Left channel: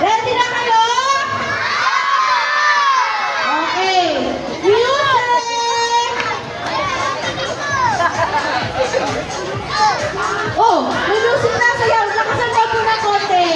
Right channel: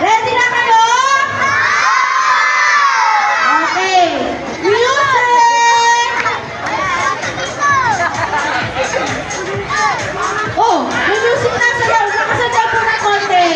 Ready na kayo? Okay. Music! Oh, may music na sa loob. Nakasabaw po na konti.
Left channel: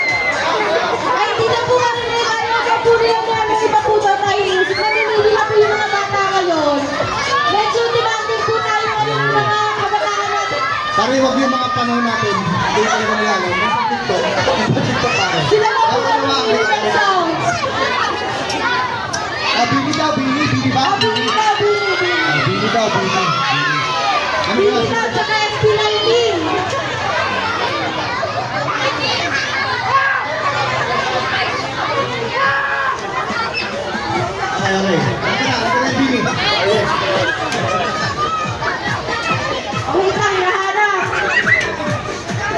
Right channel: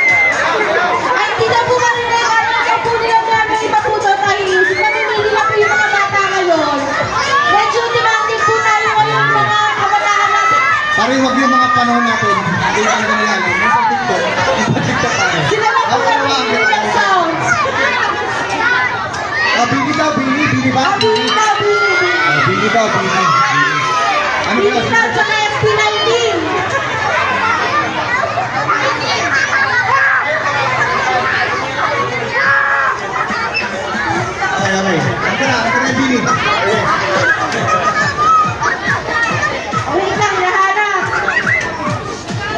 Ay, hindi na po natin na yung araw na po nila po namin si Makudo tayo. Namimili na po yung mga bata ngayon. Medyo demanding po tayo ngayon mga kabataan natin. Pare, huwag yung mga panahon natin. Hindi tayo na lang. TikTok tayo. Sila po po namimili ng sounds. Bini daw, bini ba? Bini daw, bini. Bini daw, bini. Ano Bini yun? daw, tsaka ST19. Ay, okay. Ito na, bini. Wait lang, naharap.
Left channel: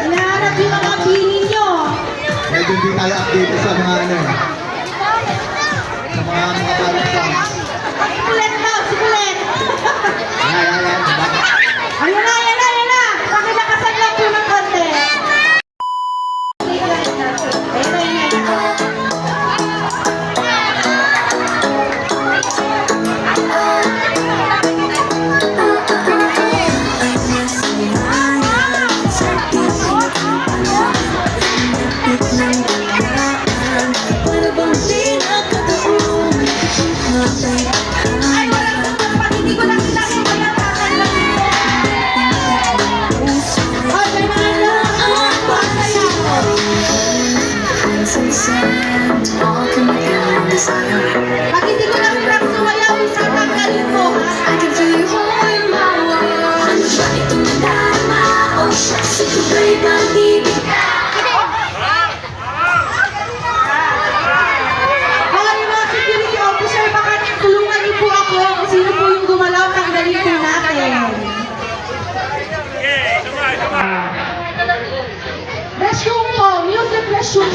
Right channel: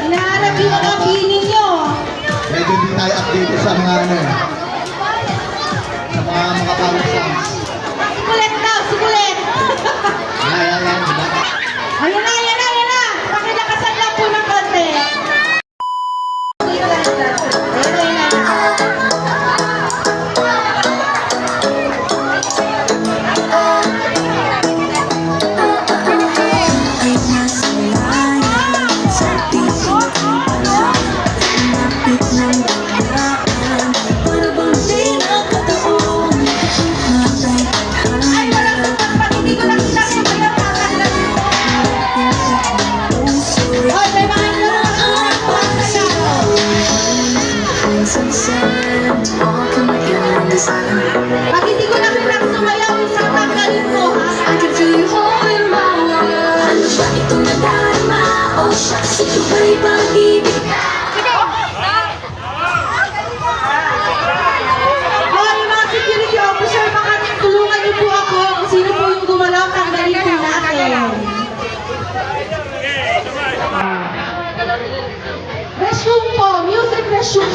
Naharap yung mga bini nyo. Medyo hindi tayo update sa mga ano. Sa mga songs. Sikulet daw, sikulet. Ay. Ayun na, ayun na, ayun na. Pakilakasan lang po ng konti. Hindi ko lang sinabi yung pinatakan lang. Ay, may mga pag hindi ko lang pinagsumayaw, isang tanggalin mo, ha? Yung mga security officer, baka tulungan niyo po ako kung sino po yung gumalaw, tanggalin po natin. Restroom po, music restroom.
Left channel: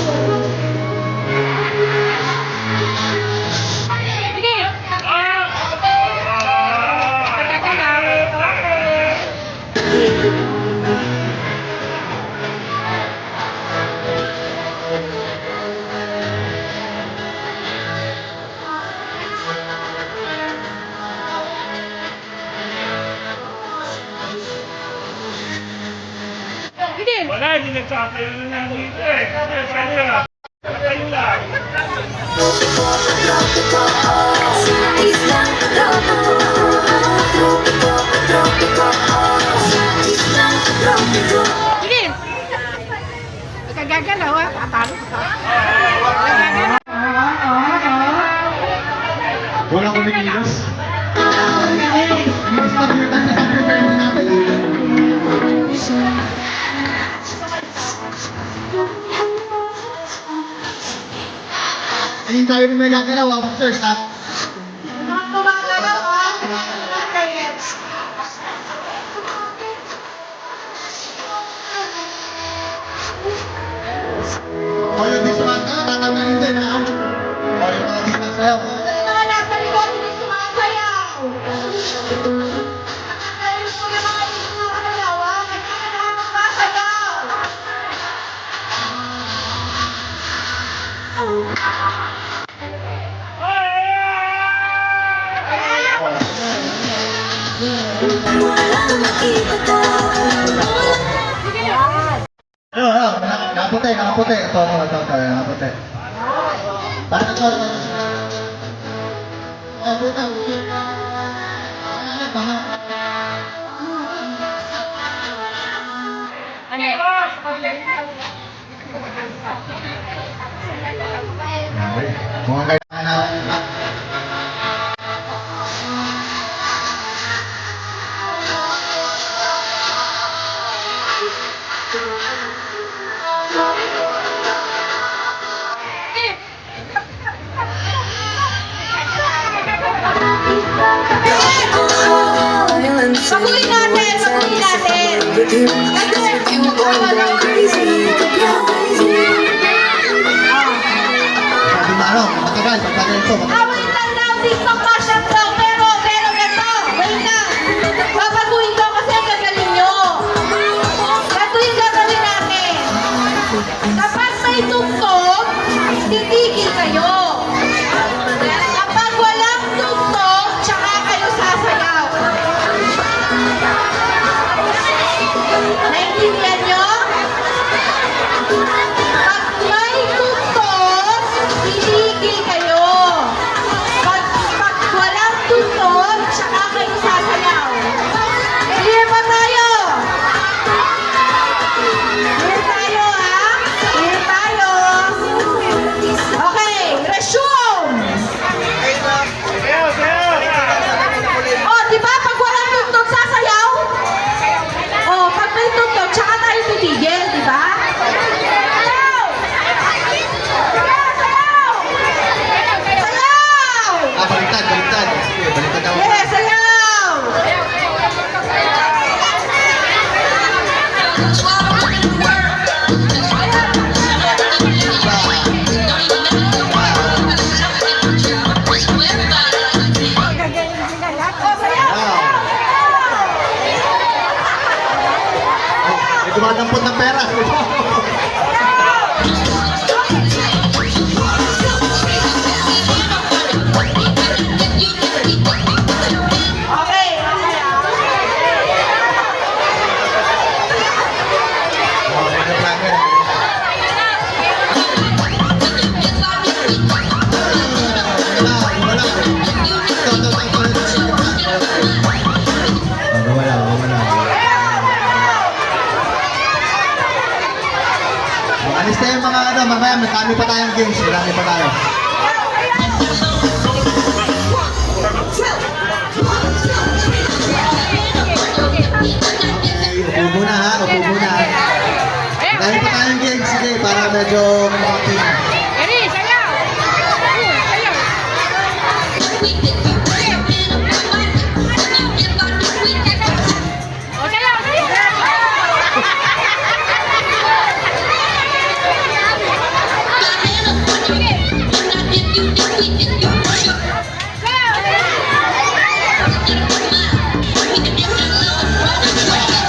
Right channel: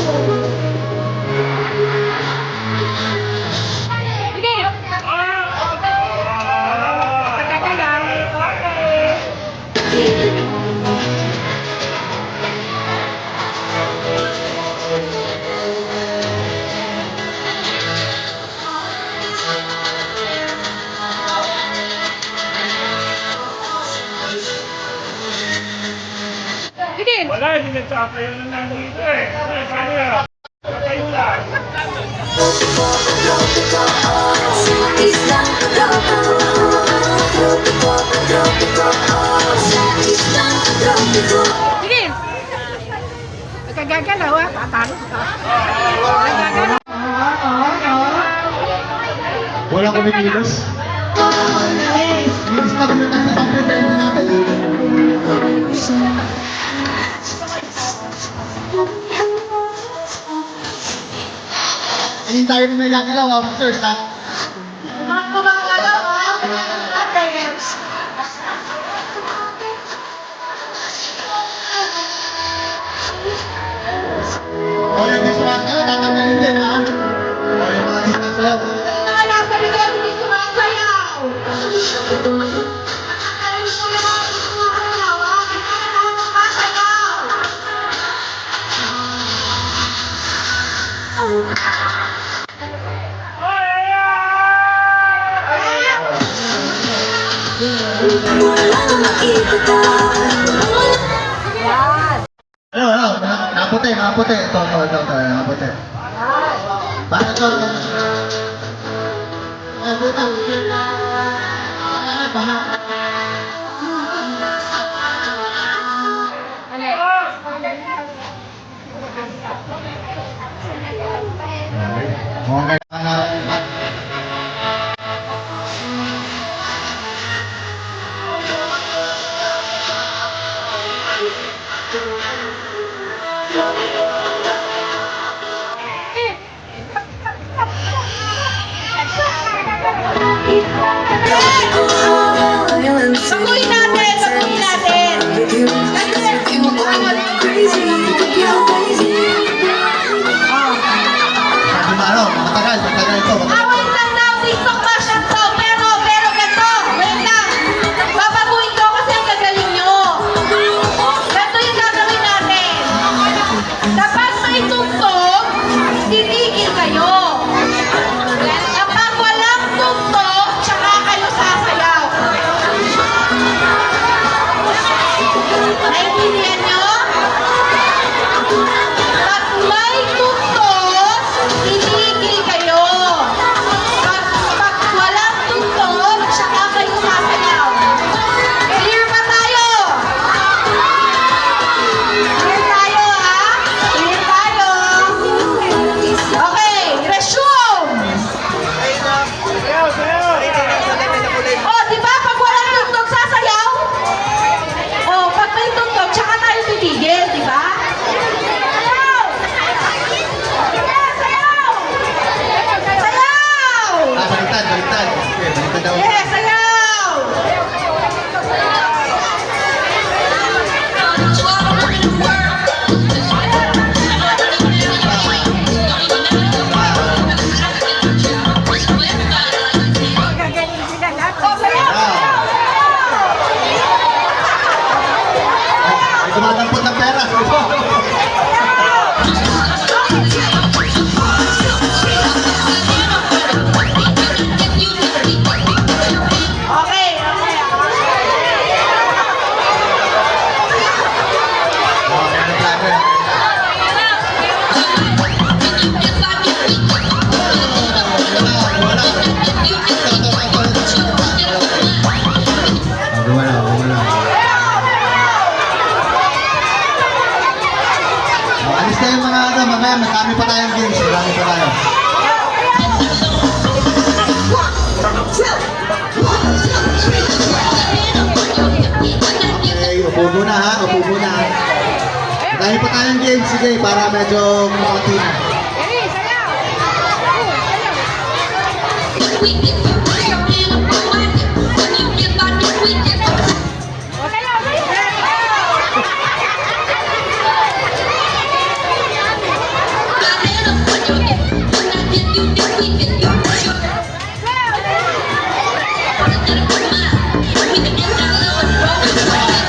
Wala, hindi nagsasayo na dito eh. Sabi na, kayo lang. Sige! Ikagagalaw ha, tatalo ka. Walang kumikilos. Kilos na din kasi sa prepare natin. Ayun tayo na nagagalaw, officers ha. Mga kumagalaw ha, natin. O yung dismanta, tatanggalin din ha. O yung mga dismanta. Mga nasa likod, hindi sumasayaw. Nakakaroon ko yung mga hindi sumasayaw ha, kailangan na sumasayaw. Ano, nakaputi. Ito, nakaputi. Bakit ito? Mukhang kailangan na. Paguin natin. Kasi, ano lang, crazy. Matagal ito. Awan lang daw dito pa siya to. Pero ganito. Ngayon na. Babaguhin ko kasi ang gagaling May dumadampot ng pera. Okay. Alis tayo mga ano, mamaya marami pa tayong games, marami pa tayo. Okay, upo muna ha, upo muna. Marami pa tayong games, sige, para medyo makapin.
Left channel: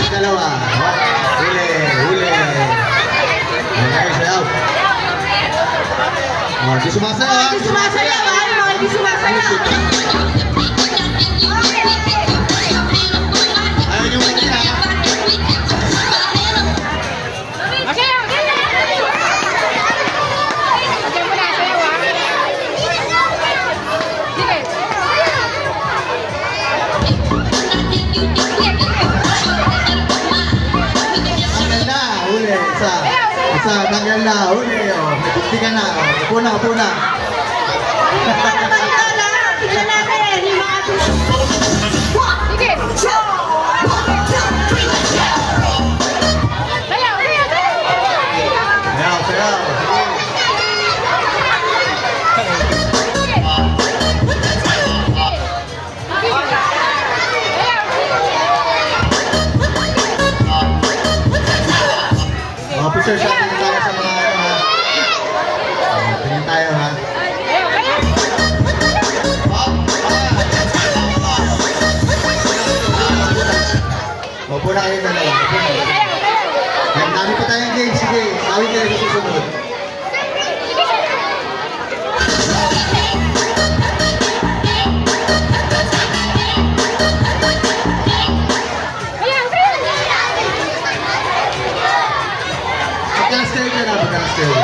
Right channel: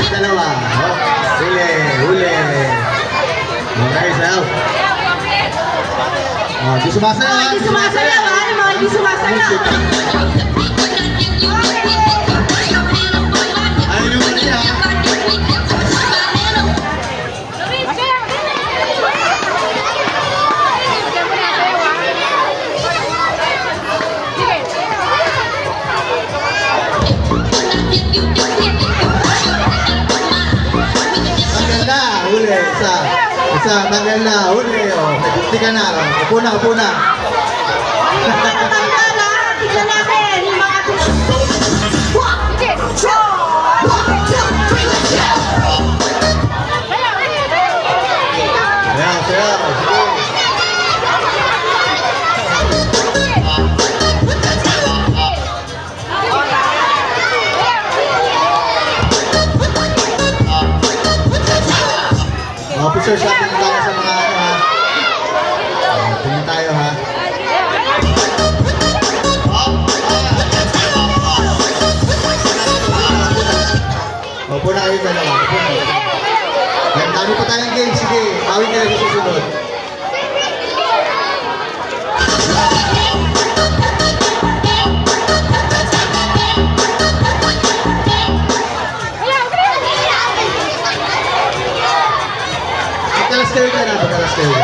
Dalawa. Oh, huli, huli. Okay, sayaw. Oh, di sumasayaw ha. Di sumasayaw, ha? Ano mo? Di sumasayaw. Ano yung mali ha? Tanggal na, huli. Isa, tanggal na, huli. Oh, nagpunti ka na. Oh, upo na, upo na. Tanda na. Tignan natin. Yung mga Sayaw, sayaw. Officer, sa atin tayo sa mga ano ha. Tingin tayo ha. Opo na kayo dalawa. Opo na. Yan, dami pa tayong game. Sige, awin kayo sa susunod. Pagkalas kayo ka na, pagkalas kayo ka.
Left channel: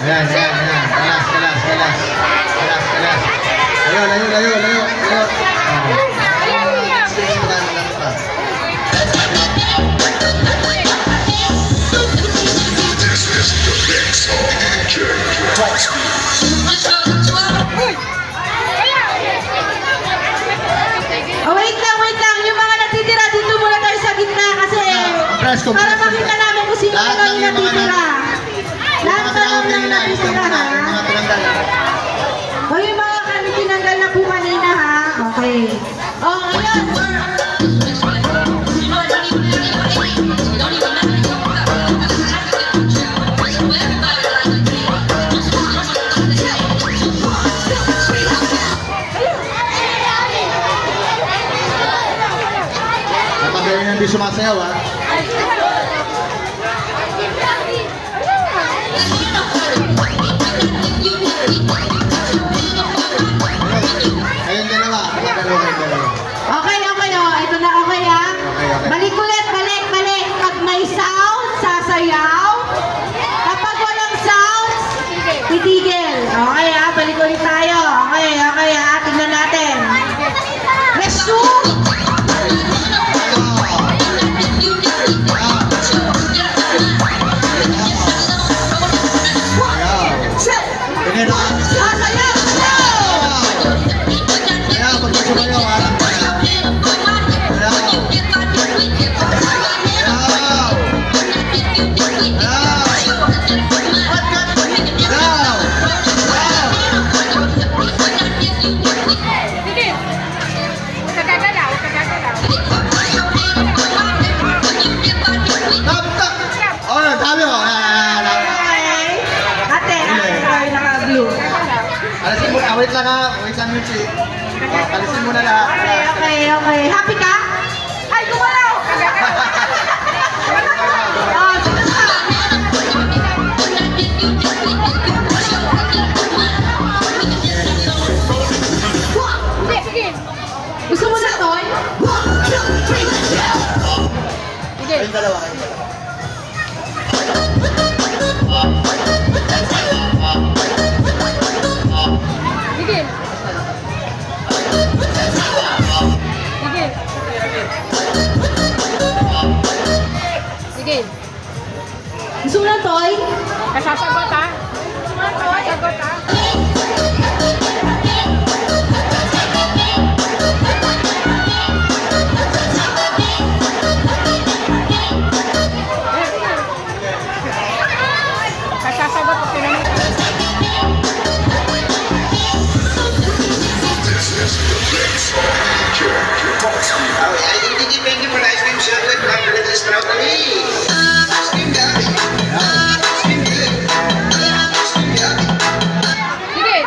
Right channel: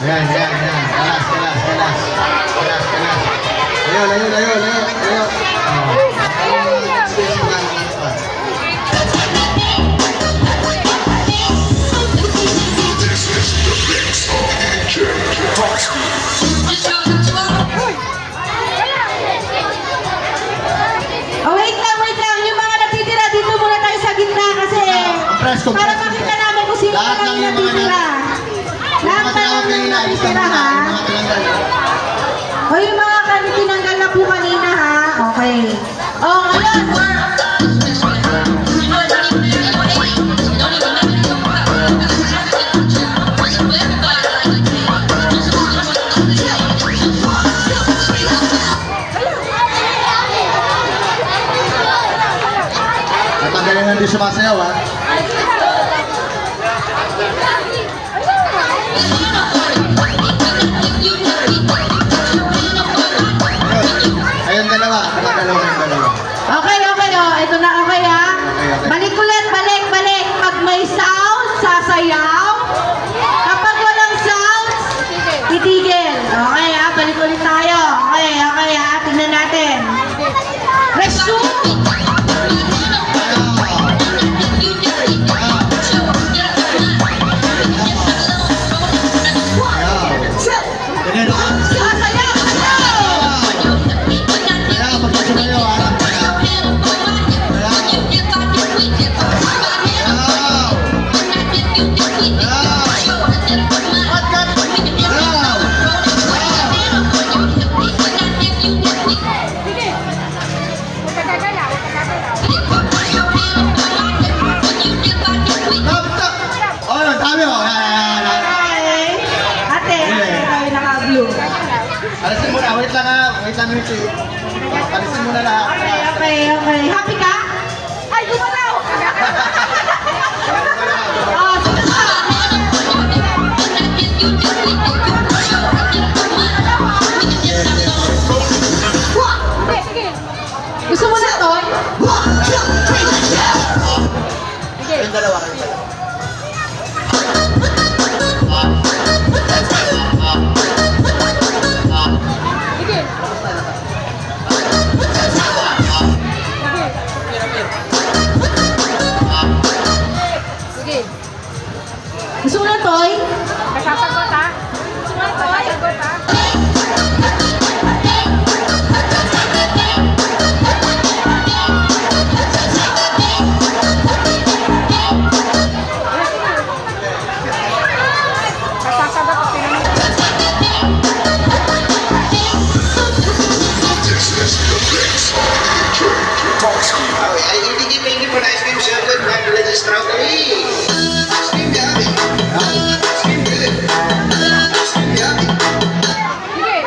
Ayan, ayan, ayan. Kalas, kalas, kalas. Kalas, kalas. Layo, layo, layo, layo, layo. Space pa, kalas pa. Oh, wait lang. Yung mga natitira, dito muna tayo sa gitna kasi Presto, para presto. makita namin kung sino Lahat mga ng yung yung mga natitira. Lahat Mga na lang tinanggal yung na, alis natitira, na muna. ha? Mga tinanggal. O yung mga tinanggal na po kanina, ha? Okay. Oh, ngayon. Natanggalin yung di sumasayaw ha. Ayun, dalawa. Dalawa, dalawa. Okay. Oh, ito na okay, ha? Okay. Balik ulit, balik. Pag may sound, sasayaw. Kapag walang sound, titigil. Okay, ha? Balik ulit tayo. Okay, ha? Tignan natin. Resume! Ganyan ha. Sasayaw! Kaya, pag sumayaw ha. Sasayaw! Wait lang ha. Wait lang, Michi. Kalisin mo na lahat. Okay. Happy ka? Ay, gumalaw! Ah, sige pa. Sige. Gusto mo na, Toy? Sige. Yung dalawa kayo. Sige. Sige. Gusto mo na, Toy? Kasasagot, ha? Gusto mo na, Toy? Kasasagot, ha? I really thank you for the ice cream so good. My village is strawberry. Ice cream yummy. Ice cream good. Ice cream yummy. Sige.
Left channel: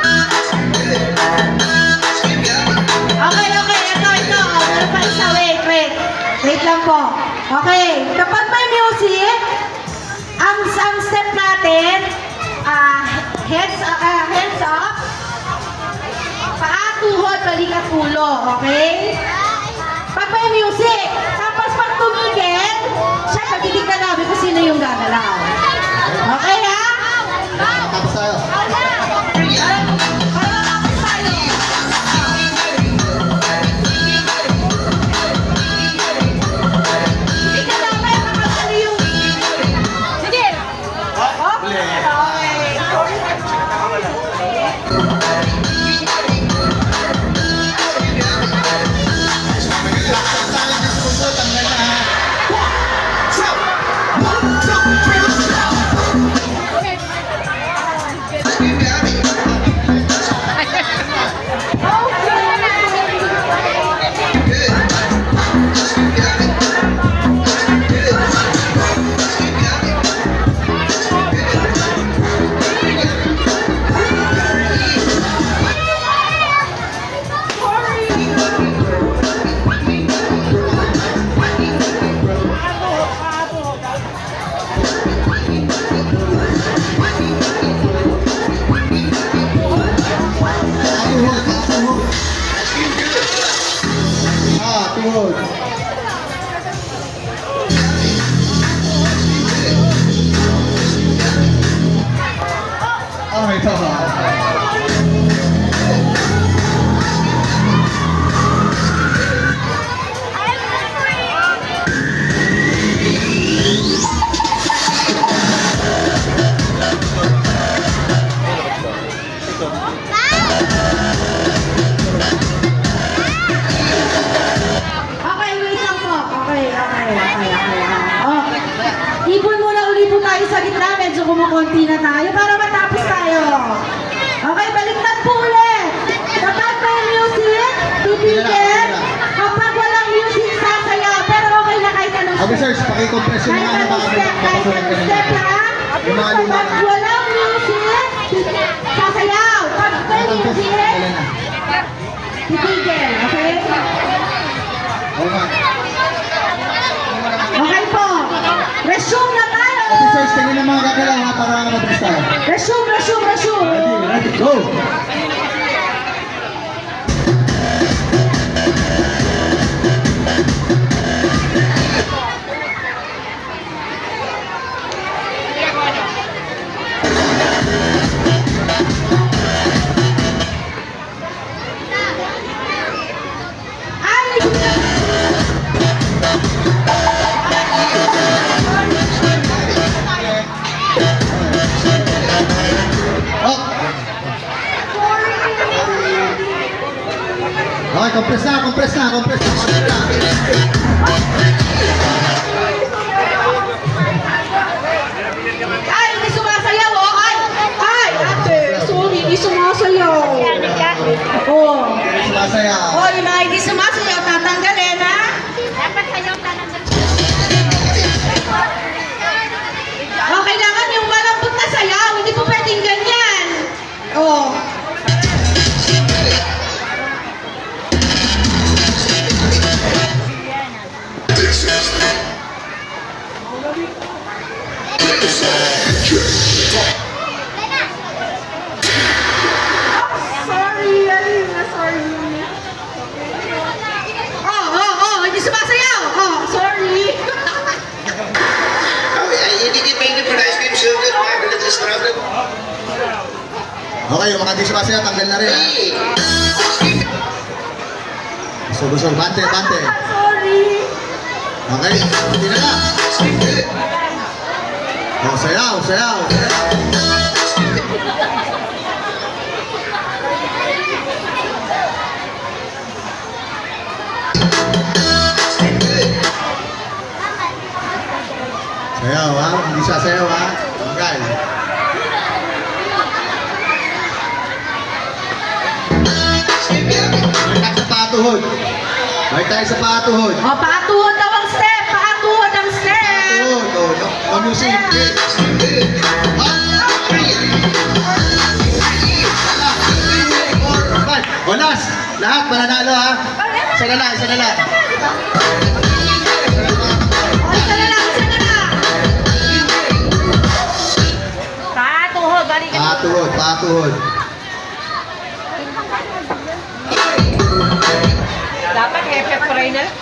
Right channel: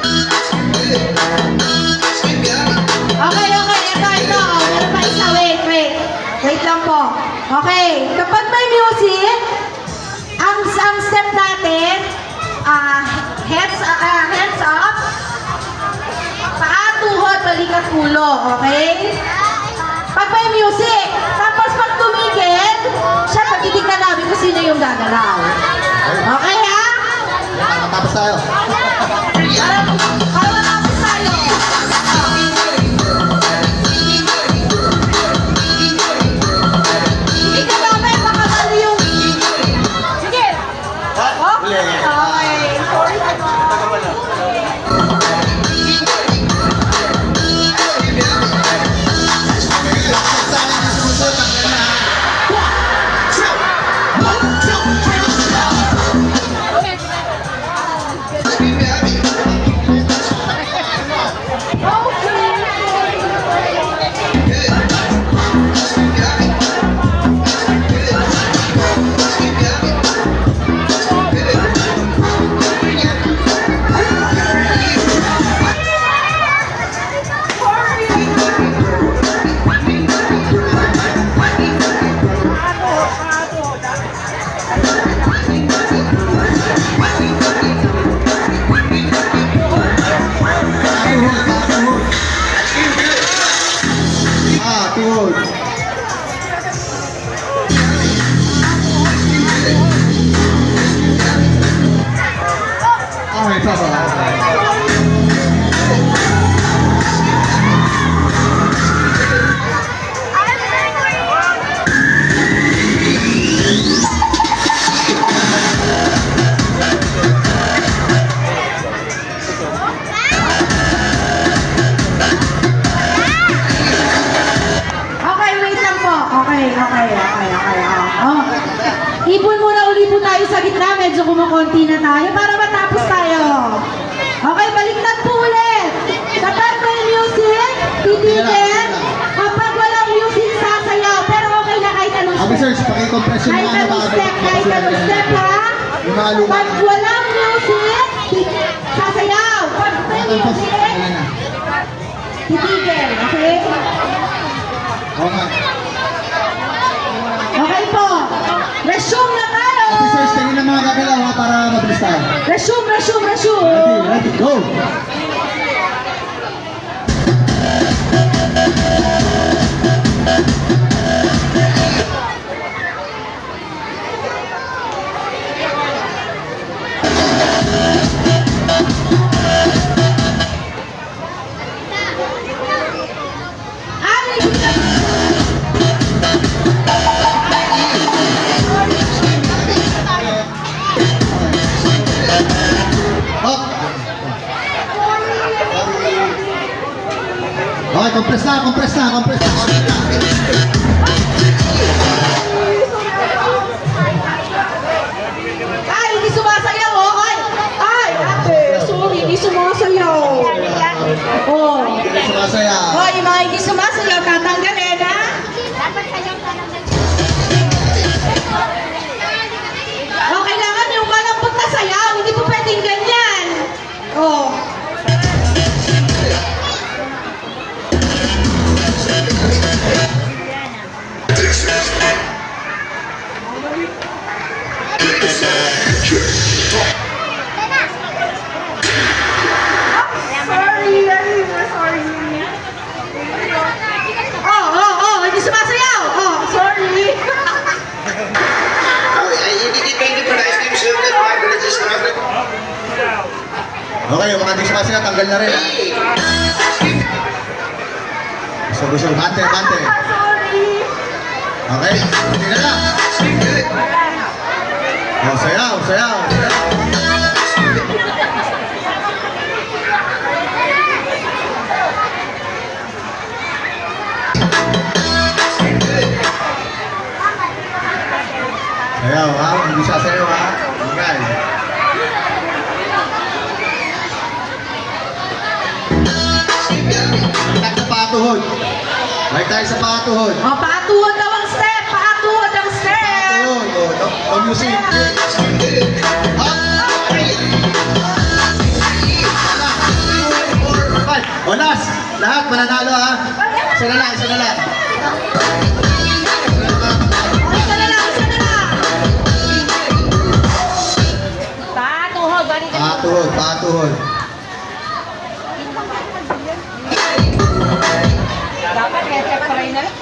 Ice cream good. Ice cream yummy. Okay. Ito. Meron pa isa. Wait. Wait lang po. Okay. Kapag may music, ang step natin, hands up, paa, tuhod, balikat, ulo. Okay? Pag may music, tapos pag tumigil, syempre titignan namin kung sino yung gagalaw. Okay ha? Tapos tayo. Para matapos tayo. Hindi ka namin makakali yung... Sige! Oh? Uli. Okay. Ice cream yummy. Good. Ice cream yummy. Good. Ice cream yummy. Tuhod. Ice cream good. Tuhod. Okay, bye-bye. Okay, wait lang po. Okay. Oh. Ipon muna uli po tayo sa gitna. Medyo kumukunti na tayo para matapos tayo. Okay, baliktad po ulit. Kapag may music, titigil. Kapag walang music, sasayaw. Pero okay na kahit anong step. Officers, pakicompress yung Kahit mga anong baka step, may ha? Yung mga luma Pag na. walang music, sasayaw. Pag may music, Ayan na. titigil. Okay? Okay. Okay po. Resume na tayo. Officers, tingin ang mga gagalaw ha, para mabilis tayo. Resume. Ready, go! Okay, compress na. Ay, hindi sumasayaw, oh. Ay, ate, sorry, hindi sumasayaw. Oh. Sumasaya. Oh, yung mga hindi sumasayaw, tatanggalin, ha? Oh, kailangan yung malambot na sayaw. Hindi po pwedeng ganyan. Okay, yung mga discussion, tanggal na rin. Ha? Solusyon, bante, bante. Sorry. Okay, hindi na lang. Oh, sayaw, sayaw. Sayaw, ha? Hindi siya sayaw, ha? Okay. Balik tayo sa patuhod. Balik tayo sa patuhod. O, paatuhod daw ang step. Paatuhod ang step. Patuhod. Oh, no music. Up. O, last. Lahat mananalo, ha? Isa na lang, isa na lang. O, isa na lang, isa na lang. Paatuhod. Balik ka. Patuhod, patuhod. Dapat kaya pepperay na lang.